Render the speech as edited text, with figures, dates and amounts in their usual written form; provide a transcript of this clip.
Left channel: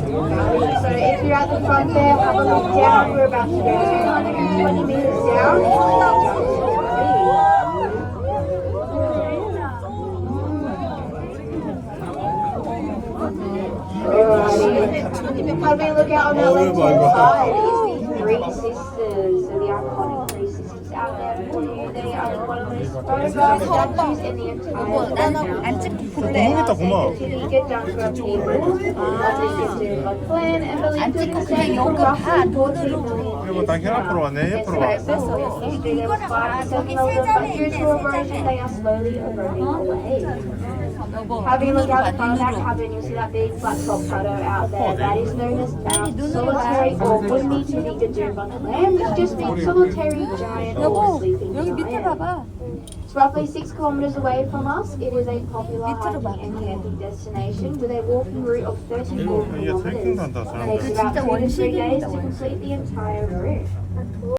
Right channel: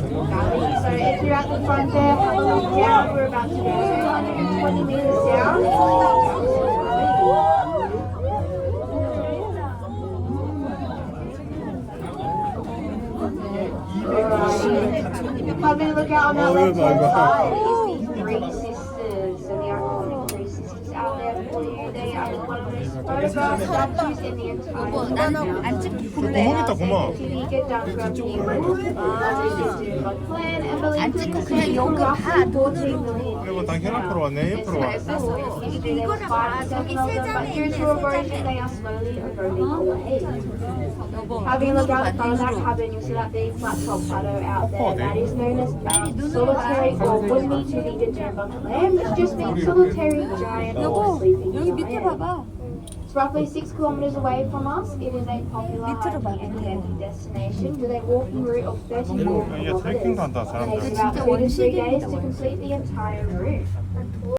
So if you're at the front there, have a look down. We're about to go 220 meters down. Alrighty. Having a look out on the left hand side is the Three Sisters. So the iconic Three Sisters out there for you. They are one of the most photographed statues in the entire world. 안 찍고 They 볼래. are sacred to the Gdanska people of the Sister of clan and believed to descend from roughly 14 million 그리고 years 난 혈 앞으로 왔네. 옆으로 와. There were 5% of them, but due to erosion, they are slowly eroding away. Having a look out the front of that cabin, you'll see that big flat top plateau out there. That is known as solitary or wouldn't to the Gdanska land, which just means solitary giant or sleeping 여기 밑에 giant. 봐봐. It's roughly 6 kilometers away from us. It is a popular hiking and camping destination with a walking route of 34 kilometers. It takes about 2 to 3 days to complete the entire route.